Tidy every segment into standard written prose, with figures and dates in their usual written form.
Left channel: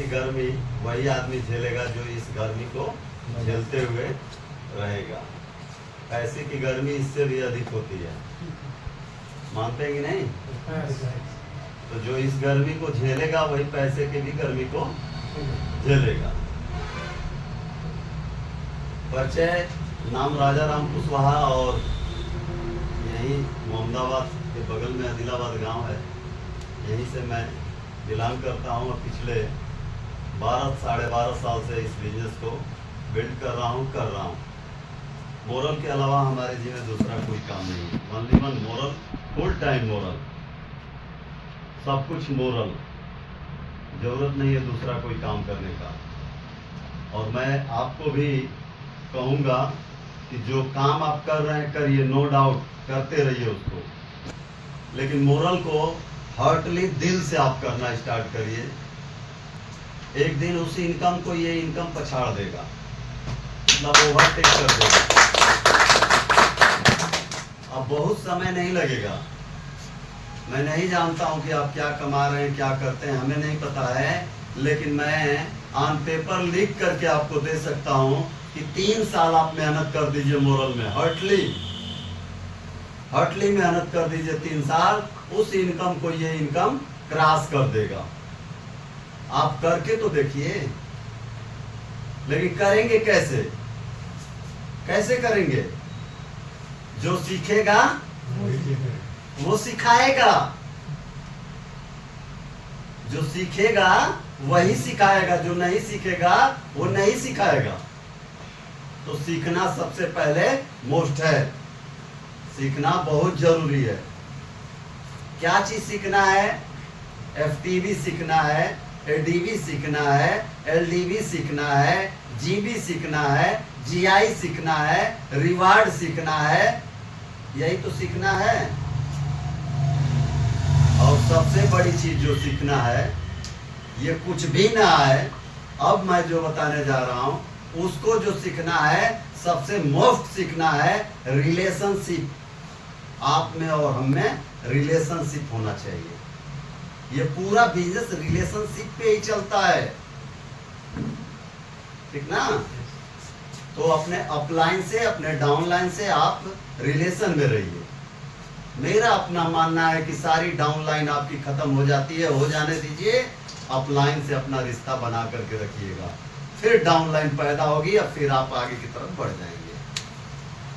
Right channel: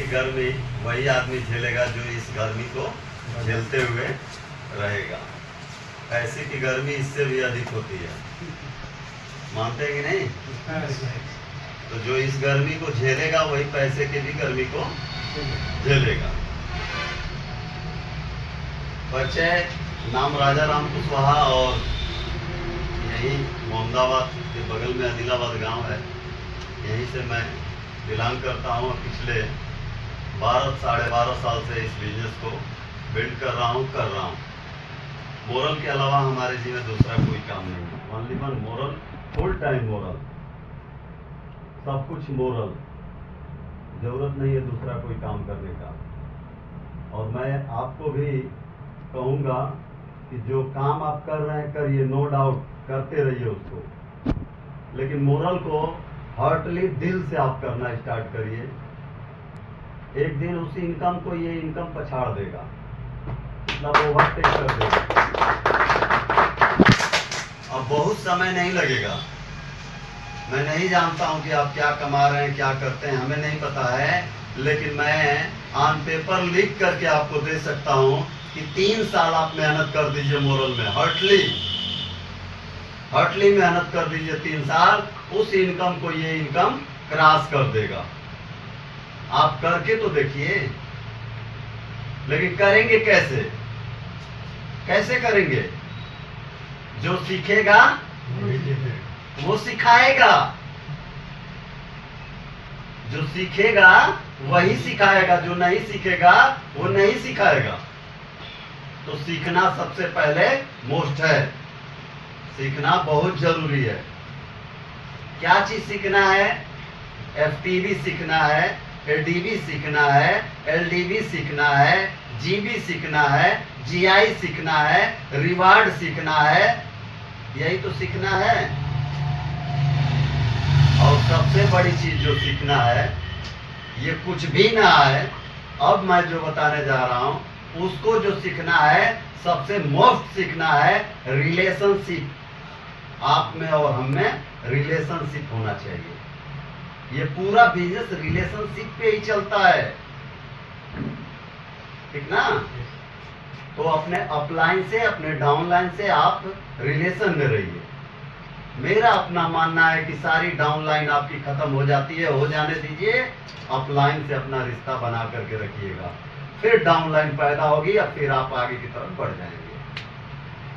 की गर्मी वही आदमी झेलेगा जो इस गर्मी को झेलते हुए रहेगा। पैसे की गर्मी इससे भी अधिक होती है, मानते हैं कि नहीं? तो जो इस गर्मी को झेलेगा वही पैसे की भी गर्मी को झेलेगा। परिचय, नाम राजा राम कुशवाहा और यही मोहम्मदाबाद के बगल में आदिलाबाद गांव है, यहीं से मैं बिलोंग करता हूँ। पिछले 12-12.5 साल से इस बिजनेस को बिल्ड कर रहा हूँ। मोरल के अलावा हमारे जी में दूसरा कोई काम नहीं है। Only one moral, full time moral, सब कुछ मोरल, जरूरत नहीं है दूसरा कोई काम करने का। और मैं आपको भी कहूँगा कि जो काम आप कर रहे हैं करिए, नो डाउट करते रहिए उसको, लेकिन मोरल को हार्टली दिल से आप करना स्टार्ट करिए। एक दिन उस इनकम को ये इनकम पछाड़ देगा, मतलब ओवरटेक कर देगा। अब बहुत समय नहीं लगेगा। मैं नहीं जानता हूं कि आप क्या कमा रहे हैं, क्या करते हैं, हमें नहीं पता है, लेकिन मैं ऑन पेपर लिख करके आपको दे सकता हूं कि 3 साल आप मेहनत कर दीजिए मोरल में, हार्टली मेहनत कर दीजिए 3 साल, उस इनकम को ये इनकम क्रॉस कर देगा। आप करके तो देखिए। लेकिन करेंगे कैसे? कैसे करेंगे? जो सीखेगा वो सिखाएगा, जो सीखेगा वही सिखाएगा, जो नहीं सीखेगा वो नहीं सिखाएगा। तो सीखना सबसे पहले मोस्ट है, सीखना बहुत जरूरी है। क्या चीज सीखना है? FTV सीखना है, ADV सीखना है, LDV सीखना है, GB सीखना है, GI सीखना है, रिवार्ड सीखना है, यही तो सीखना है। और सबसे बड़ी चीज जो सीखना है, ये कुछ भी ना है, अब मैं जो बताने जा रहा हूं उसको जो सीखना है, सबसे मोस्ट सीखना है रिलेशनशिप। आप में और हम में रिलेशनशिप होना चाहिए। ये पूरा बिजनेस रिलेशनशिप पे ही चलता है, ठीक ना? तो अपने अपलाइन से, अपने डाउनलाइन से आप रिलेशन में रहिए। मेरा अपना मानना है कि सारी डाउनलाइन आपकी खत्म हो जाती है, हो जाने दीजिए, अपलाइन से अपना रिश्ता बना करके रखिएगा, फिर डाउनलाइन पैदा होगी या फिर आप आगे की तरफ बढ़ जाएंगे,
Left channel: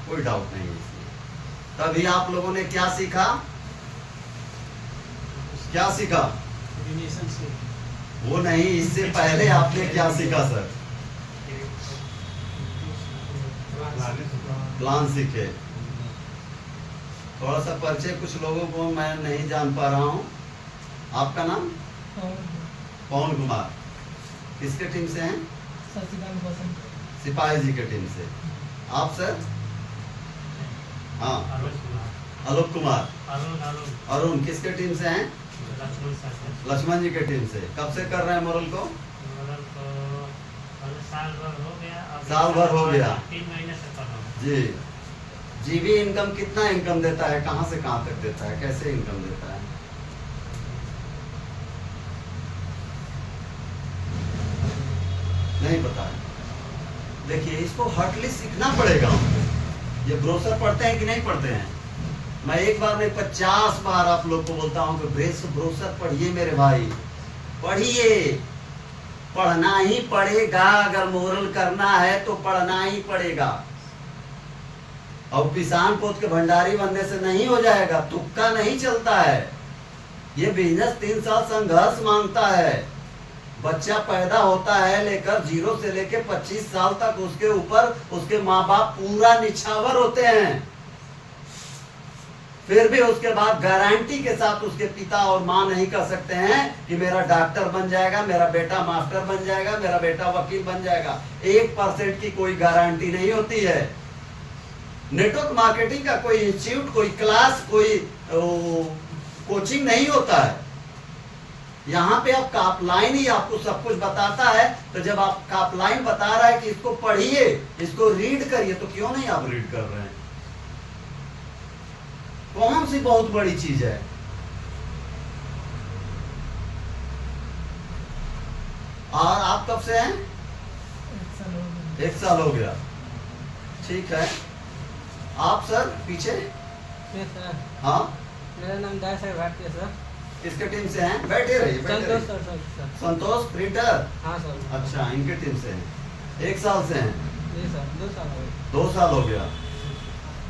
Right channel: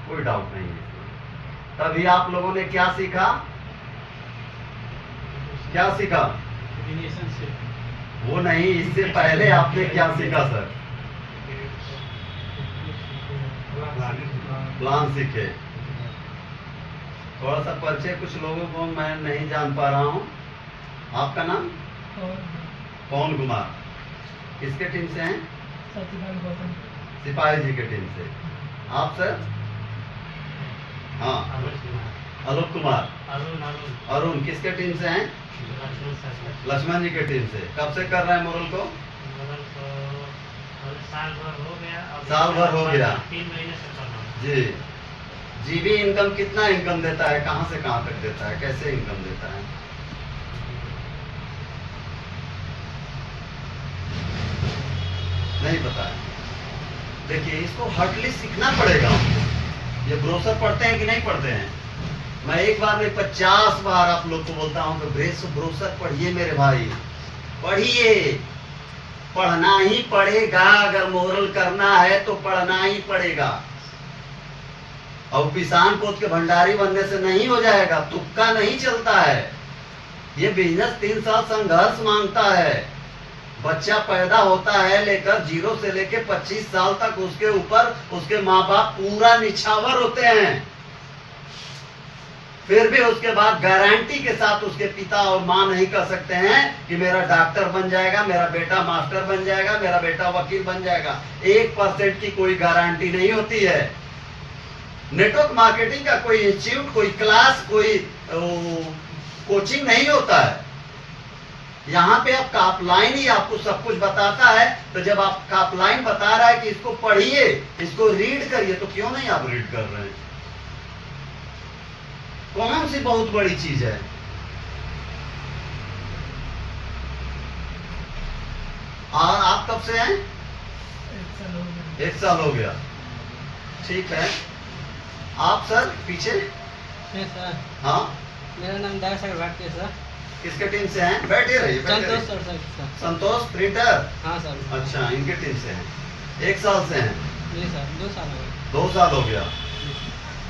कोई डाउट नहीं है इसमें। तभी आप लोगों ने क्या सीखा? क्या सीखा? रिलेशनशिप। वो नहीं, इससे पहले आपने क्या सीखा सर? प्लान सीखे। थोड़ा सा परिचय कुछ लोगों को मैं नहीं जान पा रहा हूँ। आपका नाम? पवन कुमार। किसके टीम से हैं? सिपाही जी के टीम से। आप सर? हाँ, आलोक कुमार। अरुण किसके टीम से हैं? लक्ष्मण जी के टीम से। कब से कर रहे हैं मोरल को? साल भर हो गया। 3 महीने से कर रहा हूं जी। जीबी इनकम कितना इनकम देता है, कहाँ से कहाँ तक देता है, कैसे इनकम देता है? नहीं पता है। देखिए, इसको हार्टली सीखना पड़ेगा हमको। ये ब्रोशर पढ़ते हैं कि नहीं पढ़ते हैं? मैं एक बार नहीं 50 बार आप लोग को बोलता हूँ कि ब्रोशर पढ़िए मेरे भाई, पढ़िए। पढ़ना ही पड़ेगा, अगर मोरल करना है तो पढ़ना ही पड़ेगा। और किसान पोत के भंडारी बनने से नहीं हो जाएगा, तुक्का नहीं चलता है। ये बिजनेस 3 साल संघर्ष मांगता है। बच्चा पैदा होता है लेकर 0 से लेकर 25 साल तक, उसके ऊपर उसके माँ बाप पूरा निछावर होते हैं। फिर भी उसके बाद गारंटी के साथ उसके पिता और माँ नहीं कह सकते हैं कि मेरा डॉक्टर बन जाएगा, मेरा बेटा मास्टर बन जाएगा, मेरा बेटा वकील बन जाएगा। 1% की कोई गारंटी नहीं होती है। नेटवर्क मार्केटिंग का कोई इंस्टीट्यूट, कोई क्लास, कोई कोचिंग नहीं होता है। यहाँ पे आपका अपलाइन ही आपको सब कुछ बताता है। तो जब आपका अपलाइन बता रहा है कि इसको पढ़िए, इसको रीड करिए, तो क्यों नहीं आप रीड कर रहे हैं? कौन सी बहुत बड़ी चीज है? और आप कब से हैं? 1 साल हो गया। ठीक है। आप सर पीछे? सर हाँ, मेरा नाम दाऊद भाटिया सर। किसके टीम से हैं? बैठे रहिए, बैठे संतोष रहिए। सर। संतोष प्रिंटर। हाँ सर। अच्छा, इनके टीम से हैं। 1 साल से हैं? जी सर, 2 साल हो गए। 2 साल हो गया।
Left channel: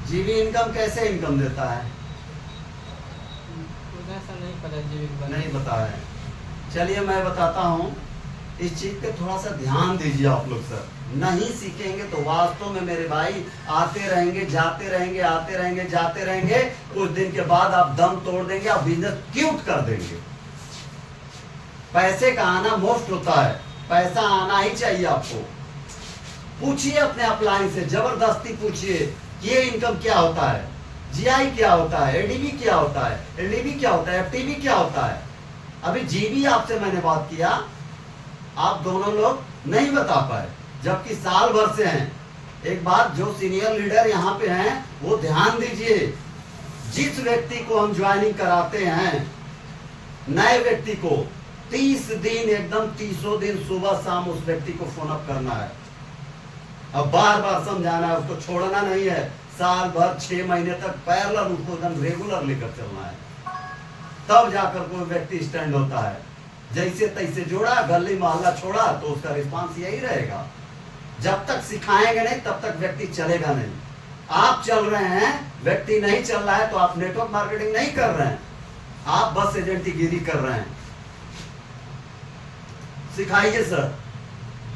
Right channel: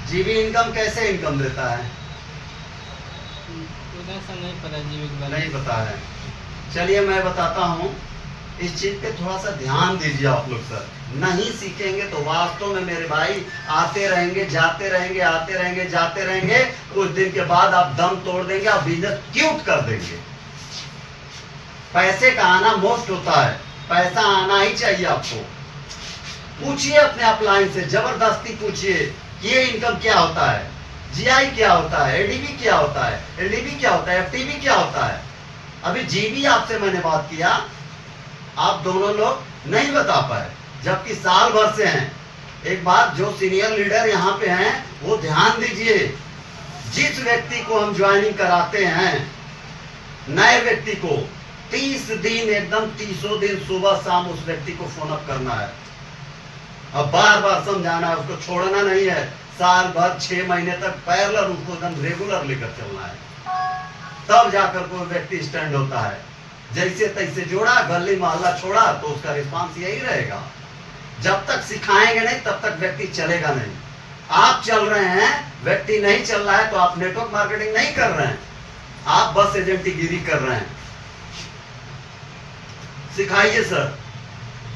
जीबी इनकम कैसे इनकम देता है? उतना सा नहीं पता जीवी के बारे में। नहीं पता है। चलिए मैं बताता हूँ। इस चीज पे थोड़ा सा ध्यान दीजिए आप लोग सर। नहीं सीखेंगे तो वास्तव में मेरे भाई आते रहेंगे, जाते रहेंगे, आते रहेंगे, जाते रहेंगे। कुछ दिन के बाद आप दम तोड़ देंगे, आप बिजनेस क्यूट कर देंगे। पैसे का आना मोस्ट होता है, पैसा आना ही चाहिए आपको। पूछिए अपने अपलाइन से, जबरदस्ती पूछिए ये इनकम क्या होता है, जीआई क्या होता है, एडीबी क्या होता है, एलडीबी क्या होता है, एफटीबी क्या होता है। अभी जीबी आपसे मैंने बात किया, आप दोनों लोग नहीं बता पाए, जबकि साल भर से हैं। एक बात जो सीनियर लीडर यहाँ पे हैं वो ध्यान दीजिए, जिस व्यक्ति को हम ज्वाइनिंग कराते हैं, नए व्यक्ति को 30 दिन एकदम 30 दिन सुबह शाम उस व्यक्ति को फोन अप करना है। अब बार बार समझाना है, उसको छोड़ना नहीं है। साल भर 6 महीने तक पैरेलल उसको एकदम रेगुलर लेकर चलना है, तब जाकर कोई व्यक्ति स्टैंड होता है। जैसे तैसे जोड़ा, गली मोहल्ला छोड़ा, तो उसका रिस्पांस यही रहेगा। जब तक सिखाएंगे नहीं तब तक व्यक्ति चलेगा नहीं। आप चल रहे हैं, व्यक्ति नहीं चल रहा है, तो आप नेटवर्क मार्केटिंग नहीं कर रहे हैं, आप बस एजेंटगिरी कर रहे हैं। सिखाइए सर,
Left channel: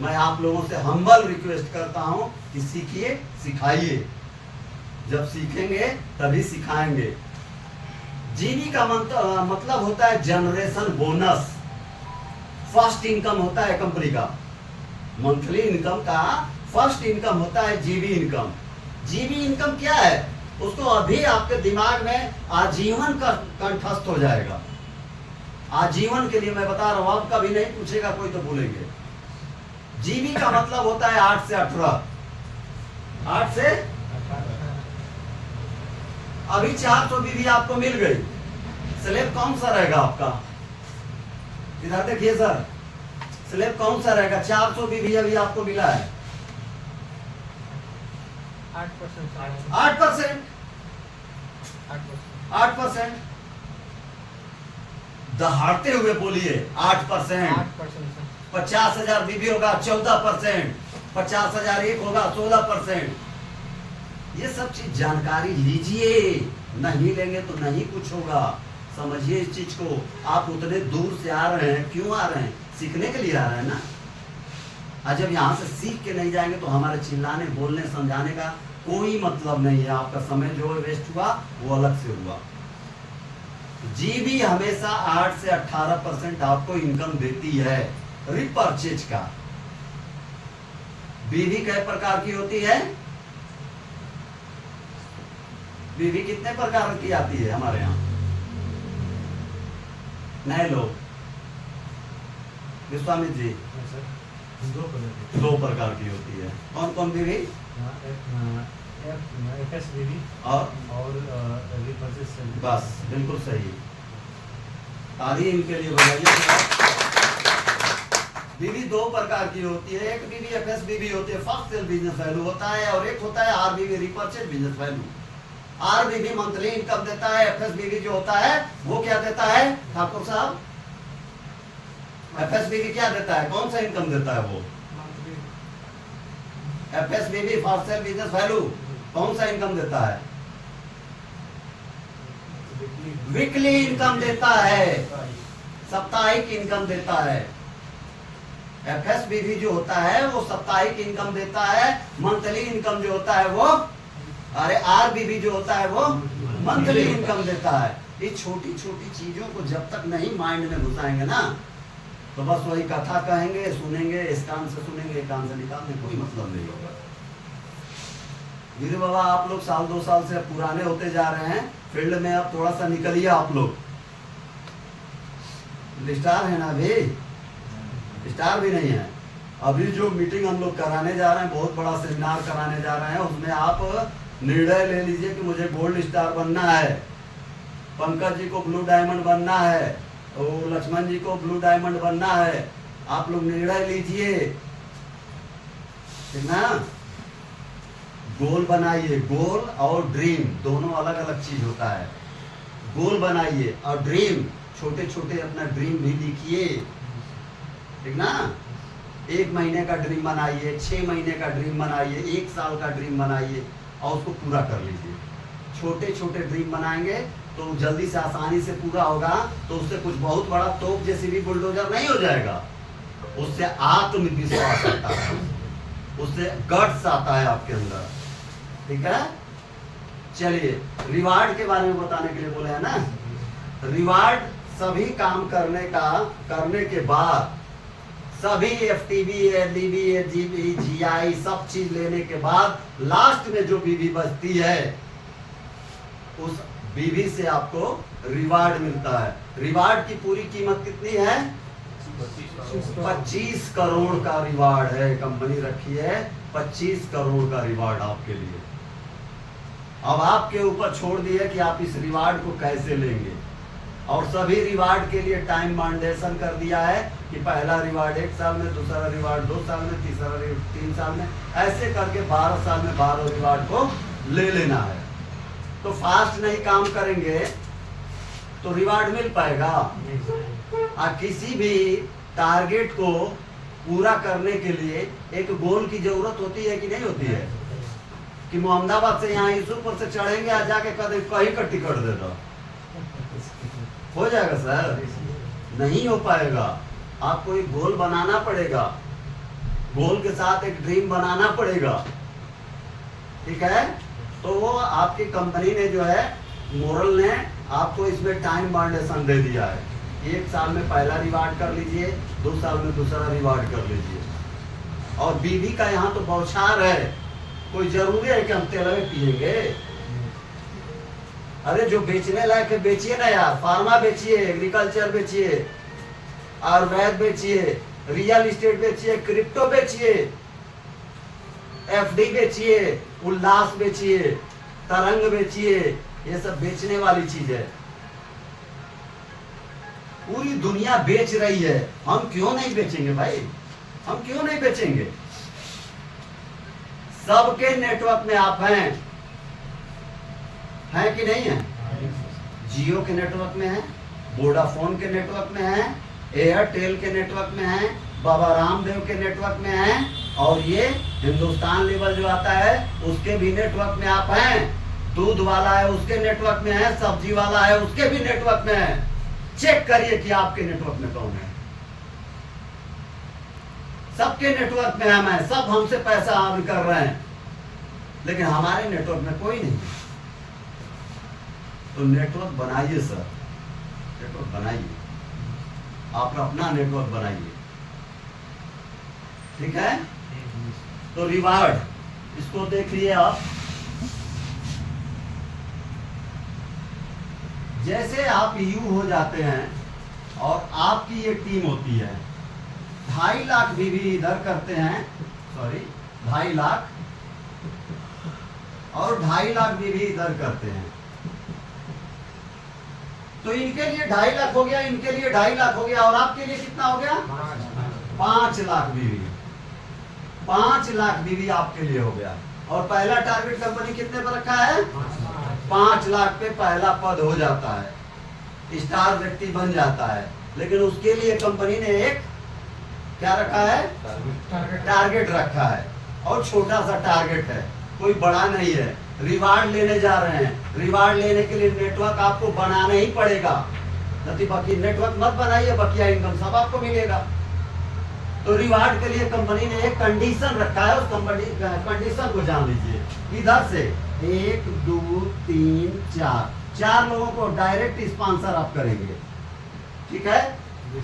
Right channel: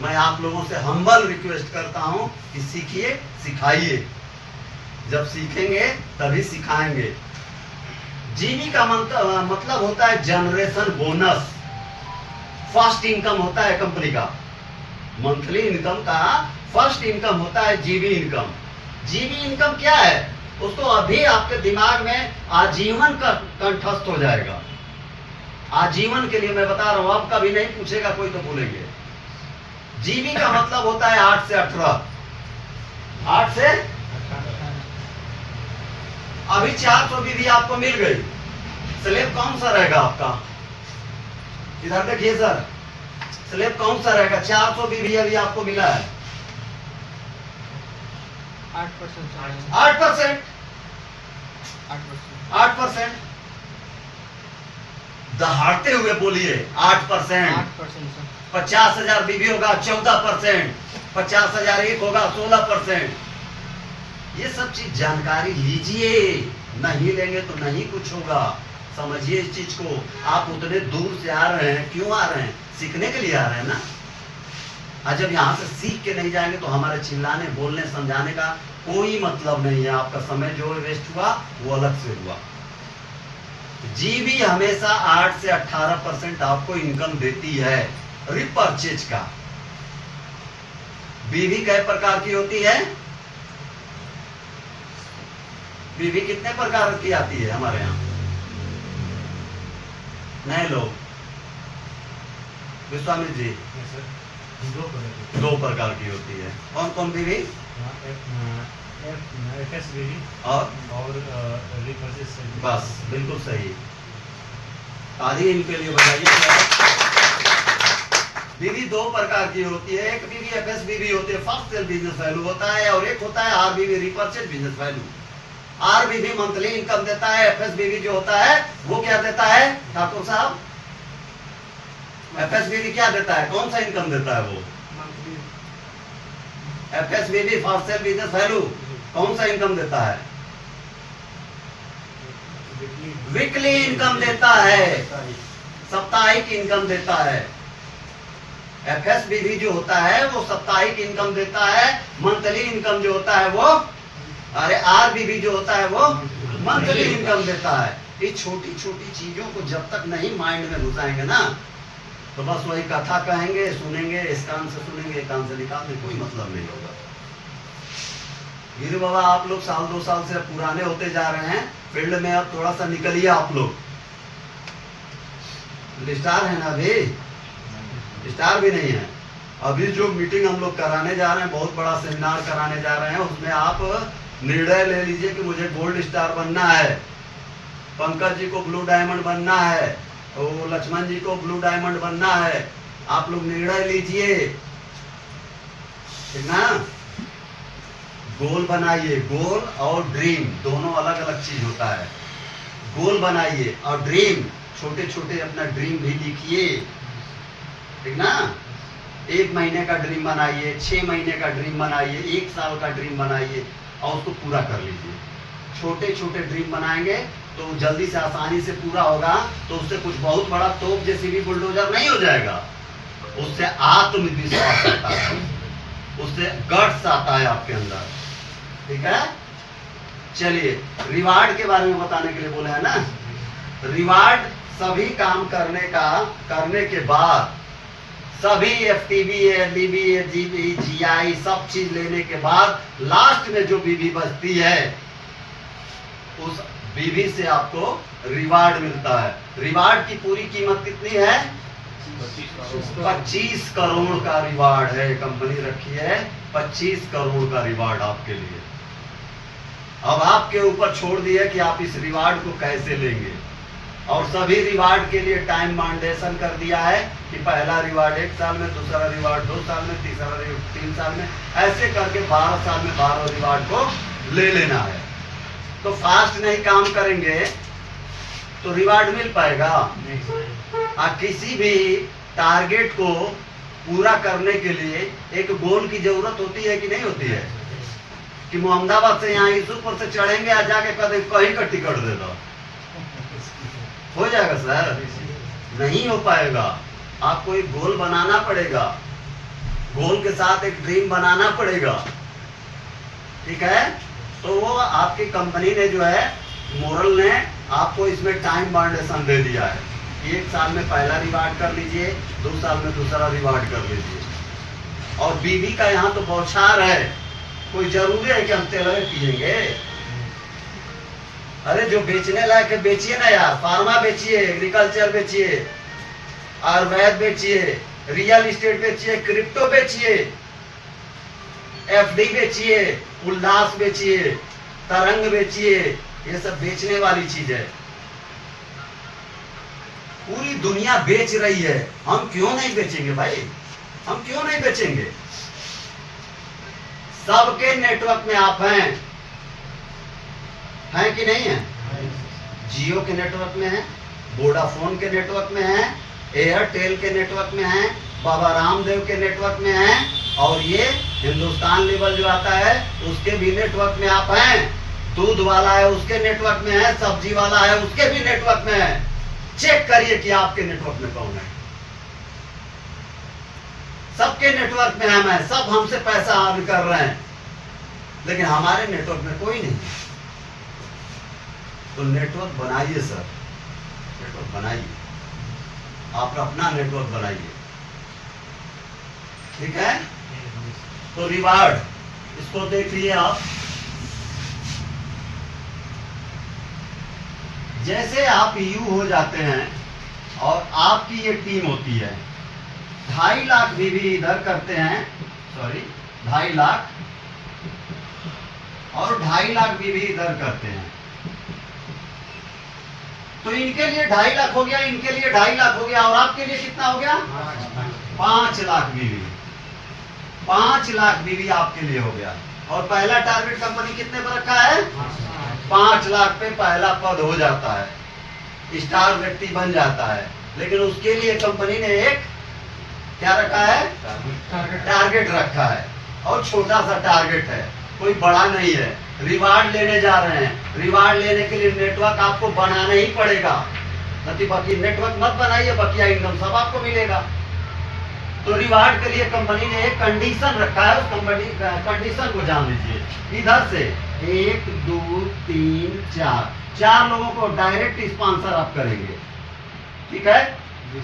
मैं आप लोगों से हम्बल रिक्वेस्ट करता हूं कि सीखिए, सिखाइए। जब सीखेंगे तभी सिखाएंगे। जीनी का मतलब होता है जनरेशन बोनस, फर्स्ट इनकम होता है कंपनी का। मंथली इनकम का फर्स्ट इनकम होता है जीबी इनकम। जीबी इनकम क्या है, उसको अभी आपके दिमाग में आजीवन का कंठस्थ हो जाएगा। आजीवन के लिए मैं बता रहा हूं, आप कभी नहीं पूछेगा कोई तो भूलेंगे। जीबी का मतलब होता है 8 से 18। 8 से अभी 400 बीबी आपको मिल गई, स्लेब कौन सा रहेगा आपका? इधर देखिए सर, स्लेब कौन सा रहेगा? 400 बीबी अभी आपको मिला है, 8%। 8%। 8%। दहाड़ते हुए बोलिए 8%। 8%। 50,000 बीबी होगा 14%, 50,000 एक होगा 16%। ये सब चीज जानकारी लीजिए, नहीं लेंगे तो नहीं कुछ होगा। समझिए इस चीज को। आप उतने दूर से आ रहे हैं, क्यों आ रहे हैं? सीखने के लिए आ रहे हैं ना। आज जब यहाँ से सीख के नहीं जाएंगे तो हमारे चिल्लाने, बोलने, समझाने का कोई मतलब नहीं है। आपका समय जो वेस्ट हुआ वो अलग से हुआ। जीबी हमेशा 8 से 18% आपको इनकम देती है रिपर्चेज का। बीवी कई प्रकार की होती है? बीवी कितने प्रकार की आती है हमारे यहाँ? नए लोग, विश्वामित्र जी, 2 प्रकार की होती है। कौन कौन बीवी? और बस बिल्कुल सही। ताली इनके लिए बनाइए। बीवी 2 प्रकार की होती है। एक बीवी एफएस बीवी होती है, फर्स्ट सेल बिजनेस वैल्यू होता है, और एक होता है आर बीवी, रिपर्चेज बिजनेस वैल्यू। आर बीवी मंथली इनकम देता है, एफएस बीवी जो होता है वो क्या देता है ठाकुर साहब? एफएस बीवी क्या देता है, कौन सा इनकम देता है वो? एफएस बीवी फर्स्ट सेल बिजनेस वैल्यू कौन सा इनकम देता है? वीकली इनकम देता है, साप्ताहिक इनकम देता है। एफएसबीवी जो होता है वो साप्ताहिक इनकम देता है। मंथली इनकम जो होता है वो, अरे आरबीवी जो होता है वो मंथली इनकम देता है। ये छोटी छोटी चीजों को जब तक नहीं माइंड में घुसाएंगे ना, तो बस वही कथा कहेंगे, सुनेंगे, इस कान से सुनेंगे, एक कान से निकालने, कोई मतलब नहीं होगा। गिरू बाबा, आप लोग 1-2 साल से पुराने होते जा रहे हैं फील्ड में, अब थोड़ा सा निकलिए आप लोग। स्टार है ना, अभी स्टार भी नहीं है। अभी जो मीटिंग हम लोग कराने जा रहे हैं, बहुत बड़ा सेमिनार कराने जा रहे हैं, उसमें आप निर्णय ले लीजिए कि मुझे गोल्ड स्टार बनना है, पंकज जी को ब्लू डायमंड बनना है, लक्ष्मण जी को ब्लू डायमंड बनना है, आप लोग निर्णय लीजिए, ठीक ना। गोल बनाइए, गोल और ड्रीम दोनों अलग अलग चीज होता है। गोल बनाइए और ड्रीम, छोटे छोटे अपना ड्रीम भी लिखिए, ठीक ना। 1 महीने का ड्रीम बनाइए, 6 महीने का ड्रीम बनाइए, 1 साल का ड्रीम बनाइए और उसको पूरा कर लीजिए। छोटे छोटे ड्रीम बनाएंगे तो जल्दी से आसानी से पूरा होगा, तो उससे कुछ बहुत बड़ा तोप जैसी भी बुलडोजर नहीं हो जाएगा। उससे आत्मविश्वास आता है, उससे गट्स आता है आपके अंदर, ठीक है। चलिए, रिवार्ड के बारे में बताने के लिए बोले हैं ना। रिवार्ड सभी काम करने के बाद, सभी FTV, LDB, GB, GI सब चीज लेने के बाद लास्ट में जो बीवी बचती है, उस बीवी से आपको रिवार्ड मिलता है। रिवार्ड की पूरी कीमत कितनी है? 25 करोड़ का रिवार्ड है। कंपनी रखी है 25 करोड़ का रिवार्ड आपके लिए। अब आपके ऊपर छोड़ दिया कि आप इस रिवार्ड को कैसे लेंगे। और सभी रिवार्ड के लिए टाइम मांडेशन कर दिया है कि पहला रिवार्ड 1 साल में, दूसरा रिवार्ड 2 साल में, तीसरा रिवार्ड 3 साल में, ऐसे करके 12 साल में 12 रिवार्ड को ले लेना है। तो फास्ट नहीं काम करेंगे तो रिवार्ड मिल पाएगा? किसी भी टारगेट को पूरा करने के लिए एक गोल की जरूरत होती है कि नहीं होती है? कि मोहम्मदाबाद से यहाँ यूसुफपुर से चढ़ेंगे, आ जाके कहीं का टिकट दे दो, हो जाएगा सर? नहीं हो पाएगा। आपको एक गोल बनाना पड़ेगा, गोल के साथ एक ड्रीम बनाना पड़ेगा, ठीक है। तो वो आपकी कंपनी ने जो है, मोरल ने आपको इसमें टाइम बाउंडेशन दे दिया है। 1 साल में पहला रिवार्ड कर लीजिए, 2 साल में दूसरा रिवार्ड कर लीजिए। और बीवी का यहाँ तो बौछार है, कोई जरूरी है कि हम तेलवे पिएंगे? अरे जो बेचने लायक है बेचिए ना यार। फार्मा बेचिए, एग्रीकल्चर बेचिए, आयुर्वेद बेचिए, रियल एस्टेट बेचिए, क्रिप्टो बेचिए, FD बेचिए, उल्लास बेचिए, तरंग बेचिए। ये सब बेचने वाली चीज है। पूरी दुनिया बेच रही है, हम क्यों नहीं बेचेंगे भाई? हम क्यों नहीं बेचेंगे? सबके नेटवर्क में आप हैं कि नहीं है? जियो के नेटवर्क में है, वोडाफोन के नेटवर्क में है, एयरटेल के नेटवर्क में है, बाबा रामदेव के नेटवर्क में है, और ये हिंदुस्तान लेवल जो आता है उसके भी नेटवर्क में आप हैं। दूध वाला है उसके नेटवर्क में है, सब्जी वाला है उसके भी नेटवर्क में है। चेक करिए कि आपके नेटवर्क में कौन है। सबके नेटवर्क में हम हैं, सब हमसे पैसा अर्न कर रहे हैं, लेकिन हमारे नेटवर्क में कोई नहीं। तो नेटवर्क बनाइए सर, नेटवर्क बनाइए, आप अपना नेटवर्क बनाइए, ठीक है। तो रिवार्ड, इसको देखिए आप। जैसे आप यू हो जाते हैं और आपकी ये टीम होती है, 2.5 लाख बीवी इधर करते हैं, सॉरी 2.5 लाख, और 2.5 लाख बीवी इधर करते हैं। तो इनके लिए 2.5 लाख हो गया, इनके लिए 2.5 लाख हो गया, और आपके लिए कितना हो गया? 5 लाख बीवी। 5 लाख बीवी आपके लिए हो गया। और पहला टारगेट कंपनी कितने पर रखा है? 5 लाख पे पहला पद हो जाता है, स्टार व्यक्ति बन जाता है। लेकिन उसके लिए कंपनी ने एक क्या रखा है? टारगेट रखा है, और छोटा सा टारगेट है, कोई बड़ा नहीं है। रिवार्ड लेने जा रहे हैं, रिवार्ड लेने के लिए नेटवर्क आपको बनाना ही पड़ेगा। नहीं बाकी नेटवर्क मत बनाइए, बकिया इनकम सब आपको मिलेगा। तो रिवार्ड के लिए कंपनी ने एक कंडीशन रखा है, उस कंडीशन को जान लीजिए। इधर से 1 2 3 4 लोगों को डायरेक्ट स्पॉन्सर आप करेंगे, ठीक है।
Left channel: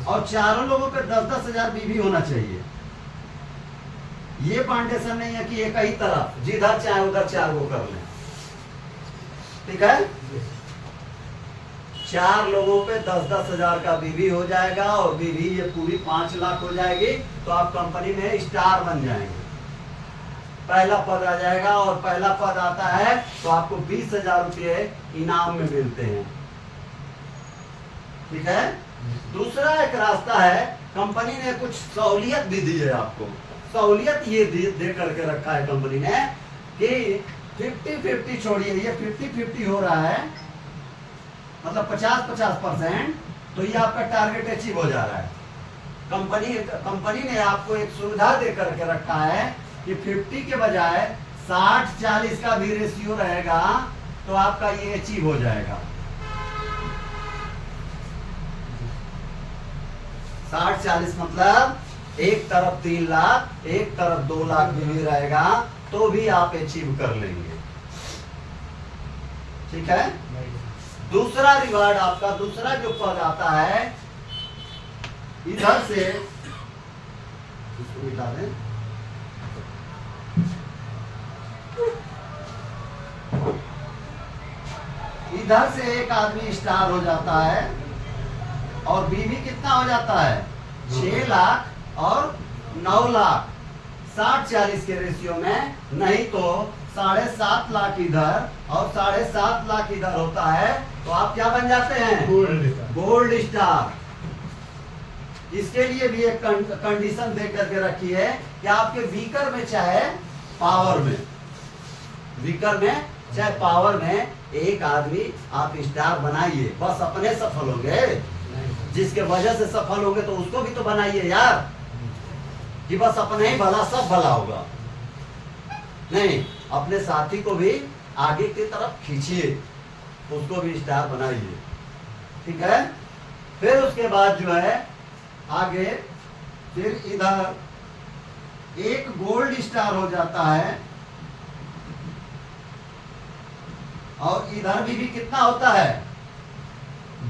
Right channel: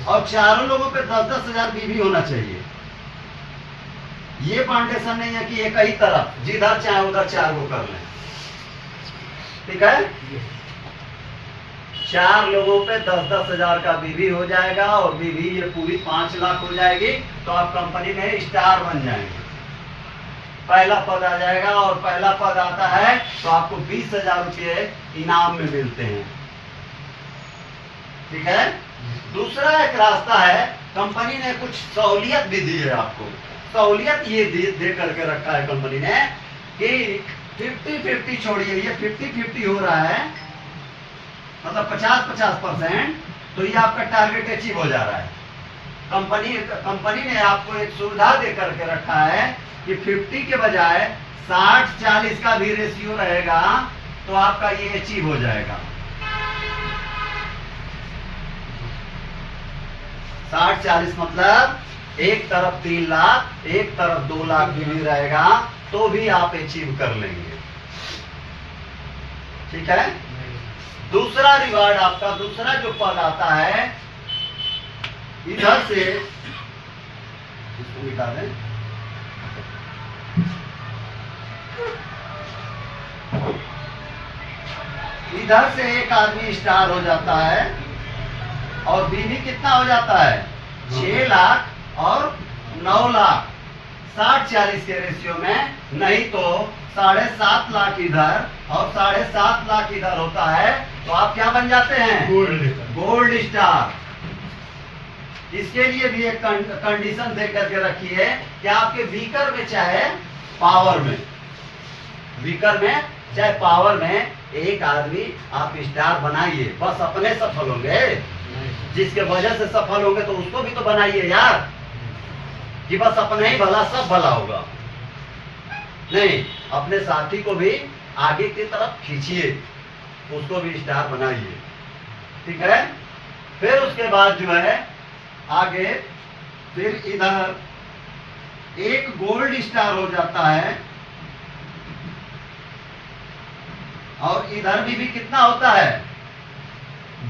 और चारों लोगों पे 10-10 हजार बीवी होना चाहिए। ये फाउंडेशन नहीं है कि एक ही तरफ जिधर चाहे उधर 4 वो कर लें, ठीक है। 4 लोगों पे 10-10 हजार का बीवी हो जाएगा, और बीवी ये पूरी 5 लाख हो जाएगी। तो आप कंपनी में स्टार बन जाएंगे, पहला पद आ जाएगा। और पहला पद आता है तो आपको 20,000 रुपये इनाम में मिलते हैं, ठीक है। दूसरा एक रास्ता है कंपनी ने कुछ सहूलियत भी दी है आपको। सहूलियत ये दे करके रखा है कंपनी ने कि 50-50 छोड़िए, ये 50-50 हो रहा है, मतलब 50-50%, तो ये आपका टारगेट अचीव हो जा रहा है। कंपनी ने आपको एक सुविधा दे करके रखा है कि 50 के बजाय 60-40 का भी रेशियो रहेगा, तो आपका ये अचीव हो जाएगा। 60-40 मतलब एक तरफ 3 लाख, एक तरफ 2 लाख भी रहेगा, तो भी आप अचीव कर लेंगे। ठीक है। दूसरा रिवार्ड आपका, दूसरा जो पद आता है इधर से, इसको मिटा दें, इधर से एक आदमी स्टार हो जाता है और बीवी कितना हो जाता है 6 लाख और 9 लाख 60-40 के रेशियो में, नहीं तो 7.5 लाख इधर और 7.5 लाख इधर होता है, तो आप क्या बन जाते हैं? Gold star. इसके लिए भी एक कंडीशन दे करके रखी है कि आपके वीकर में चाहे पावर में, वीकर में चाहे पावर में एक आदमी आप स्टार बनाइए। बस अपने सफल होंगे, जिसके वजह से सफल होंगे तो उसको भी तो बनाइए यार, कि बस अपने ही भला सब भला होगा। नहीं, अपने साथी को भी आगे की तरफ खींचिए, उसको भी स्टार बनाइए। ठीक है। फिर उसके बाद जो है आगे, फिर इधर एक गोल्ड स्टार हो जाता है और इधर भी कितना होता है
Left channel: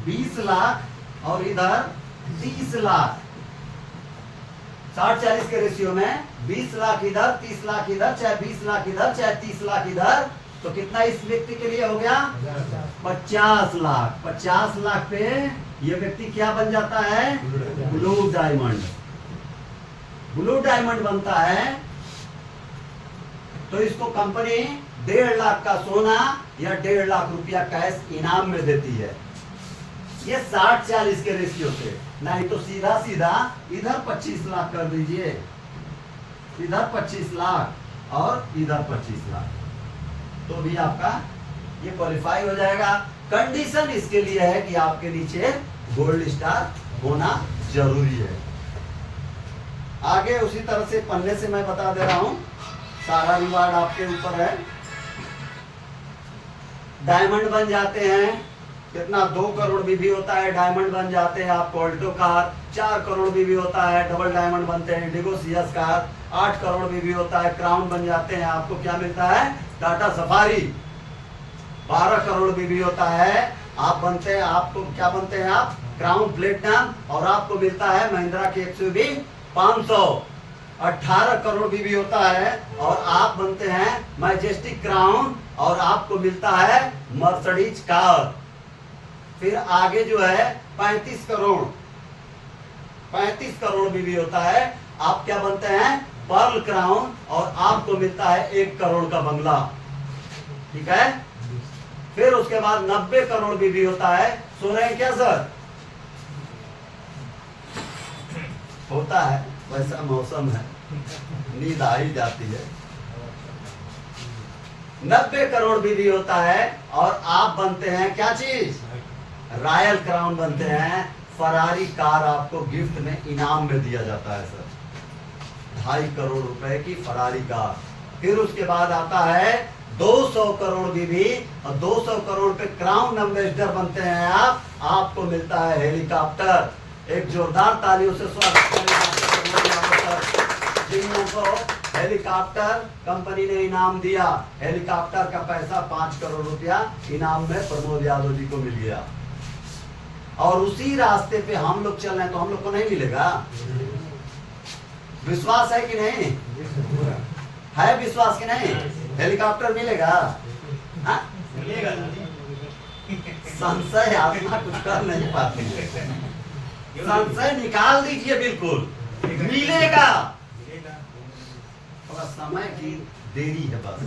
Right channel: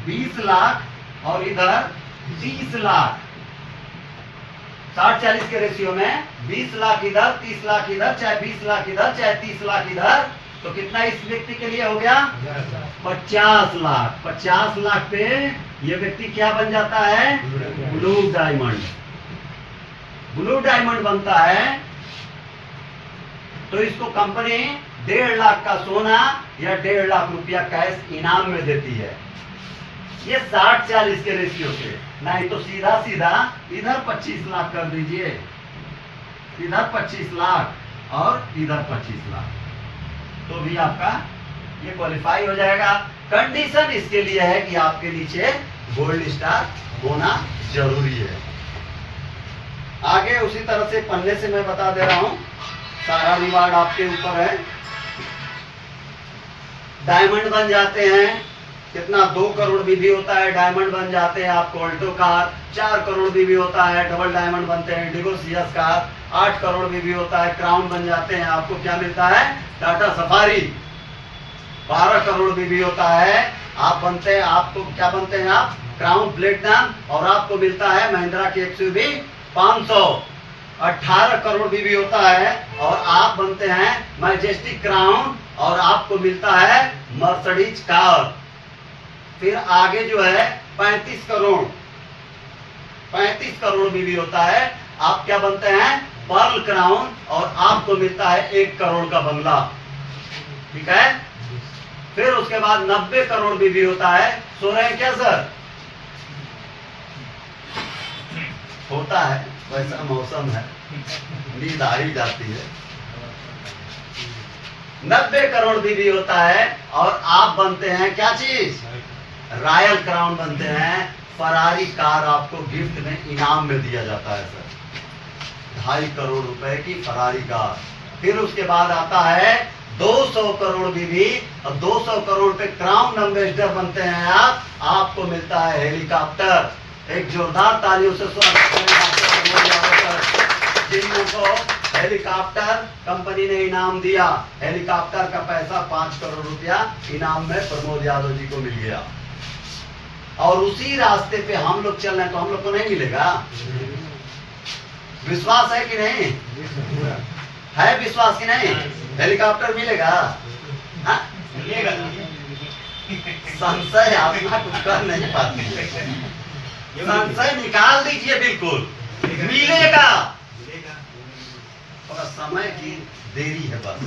20 लाख और इधर 30 लाख। 60-40 के रेशियो में 20 लाख इधर, 30 लाख इधर, चाहे 20 लाख इधर, चाहे 30 लाख इधर, तो कितना इस व्यक्ति के लिए हो गया 50 लाख। 50 लाख पे ये व्यक्ति क्या बन जाता है? Blue diamond. ब्लू डायमंड बनता है तो इसको कंपनी 1.5 लाख का सोना या 1.5 लाख रुपया कैश इनाम में देती है। ये 60-40 के रेशियो से, नहीं तो सीधा सीधा इधर 25 लाख कर दीजिए, इधर 25 लाख और इधर 25 लाख, तो भी आपका ये क्वालिफाई हो जाएगा। कंडीशन इसके लिए है कि आपके नीचे गोल्ड स्टार होना जरूरी है। आगे उसी तरह से पन्ने से मैं बता दे रहा हूं, सारा रिवार्ड आपके ऊपर है। डायमंड बन जाते हैं, कितना 2 करोड़ भी होता है, डायमंड बन जाते हैं आपको ऑल्टो कार। 4 करोड़ भी होता है, डबल डायमंड बनते हैं इंडिगो सियस कार। 8 करोड़ भी होता है, क्राउन बन जाते हैं, आपको क्या मिलता है टाटा सफारी। 12 करोड़ भी होता है, आप बनते हैं, आपको क्या बनते हैं आप क्राउन प्लेटिनम, और आपको मिलता है महिंद्रा की एक्सयूवी 500। 18 करोड़ भी होता है और आप बनते हैं मैजेस्टिक क्राउन और आपको मिलता है मर्सिडीज कार। फिर आगे जो है 35 करोड़, 35 करोड़ भी होता है, आप क्या बनते हैं पर्ल क्राउन और आपको मिलता है 1 करोड़ का बंगला। ठीक है। फिर उसके बाद 90 करोड़ भी होता है। सो रहे हैं क्या सर? होता है, वैसा मौसम है, नींद आ ही जाती है। 90 करोड़ भी होता है और आप बनते हैं क्या चीज? रॉयल क्राउन बनते हैं। फरारी कार आपको गिफ्ट में इनाम में दिया जाता है सर, 2.5 करोड़ रुपए की फरारी कार। फिर उसके बाद आता है 200 करोड़ भी, और 200 करोड़ पे क्राउन एम्बेसडर बनते हैं आप, आपको मिलता है हेलीकॉप्टर। एक जोरदार तालियों से स्वागत जिनको हेलीकॉप्टर कंपनी ने इनाम दिया। हेलीकॉप्टर का पैसा 5 करोड़ रुपया इनाम में प्रमोद यादव जी को मिल गया। और उसी रास्ते पे हम लोग चल रहे हैं, तो हम लोग को नहीं मिलेगा? विश्वास है कि नहीं है? विश्वास कि नहीं? हेलीकॉप्टर मिलेगा? हाँ? संशय आत्मा कुछ कर नहीं पाती है, संशय निकाल दीजिए, बिल्कुल मिलेगा। थोड़ा समय की देरी है, बस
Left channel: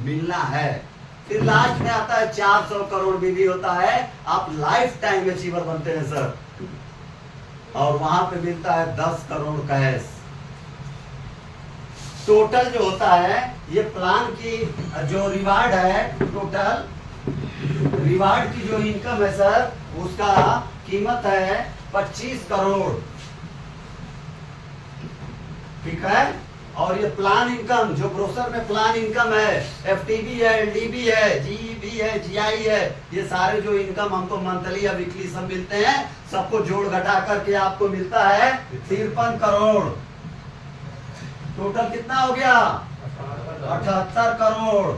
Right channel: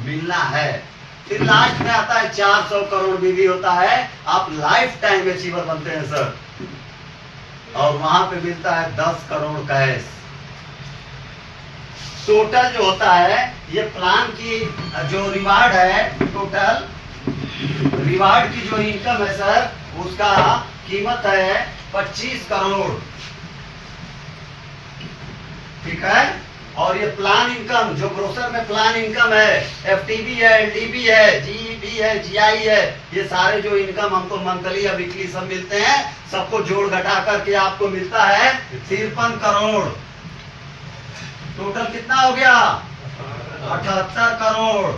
मिलना है। फिर लास्ट में आता है 400 करोड़ भी होता है, आप लाइफ टाइम अचीवर बनते हैं सर। और वहां पे मिलता है 10 करोड़ कैश। टोटल जो होता है ये प्लान की जो रिवार्ड है, टोटल रिवार्ड की जो इनकम है सर, उसका कीमत है 25 करोड़। ठीक है। और ये प्लान इनकम जो ब्रोशर में प्लान इनकम है, एफटीबी है, एलडीबी है, जीईबी है, जीआई है, ये सारे जो इनकम हमको मंथली या वीकली सब मिलते हैं, सबको जोड़ घटा करके आपको मिलता है 53 करोड़। टोटल कितना हो गया? 78 करोड़।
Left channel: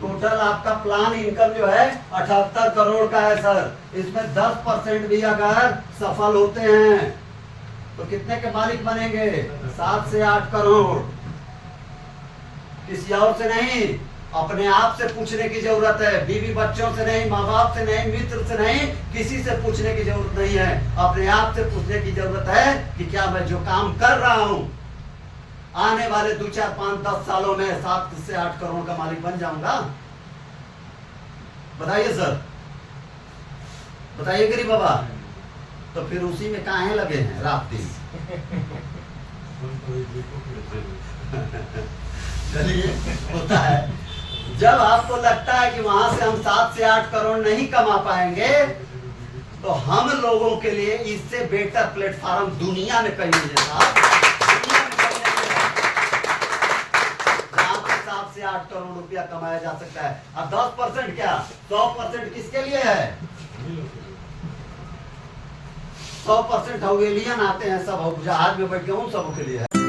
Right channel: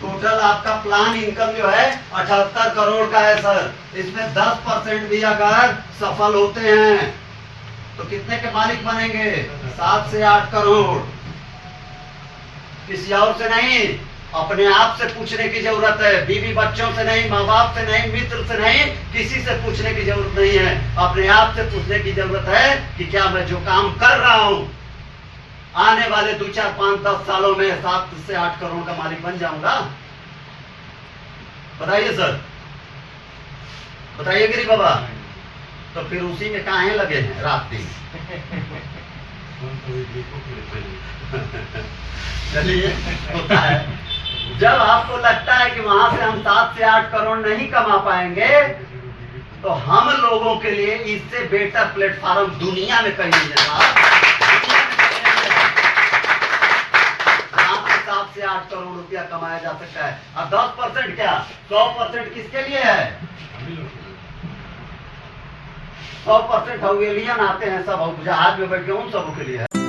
टोटल आपका प्लान इनकम जो है 78 करोड़ का है सर। इसमें 10% भी अगर सफल होते हैं तो कितने के मालिक बनेंगे? 7 से 8 करोड़। किसी और से नहीं, अपने आप से पूछने की जरूरत है। बीवी बच्चों से नहीं, माँ बाप से नहीं, मित्र से नहीं, किसी से पूछने की जरूरत नहीं है। अपने आप से पूछने की जरूरत है कि क्या मैं जो काम कर रहा हूं आने वाले 2, 4, 5, 10 सालों में 7 से 8 करोड़ का मालिक बन जाऊंगा? बताइए सर, बताइए गिरी बाबा। तो फिर उसी में काहे लगे हैं रात दिन? चलिए, होता है। जब आपको लगता है कि वहां से हम 7 से 8 करोड़ नहीं कमा पाएंगे, तो हम लोगों के लिए इससे बेटर प्लेटफॉर्म दुनिया में कहीं नहीं है साहब। 7 से 8 करोड़ रुपया कमाया जा सकता है। अब 10% क्या, 100% किसके लिए है? 100% हवेलियन आते हैं सब, जहाज में बैठ के उन सबों के लिए है।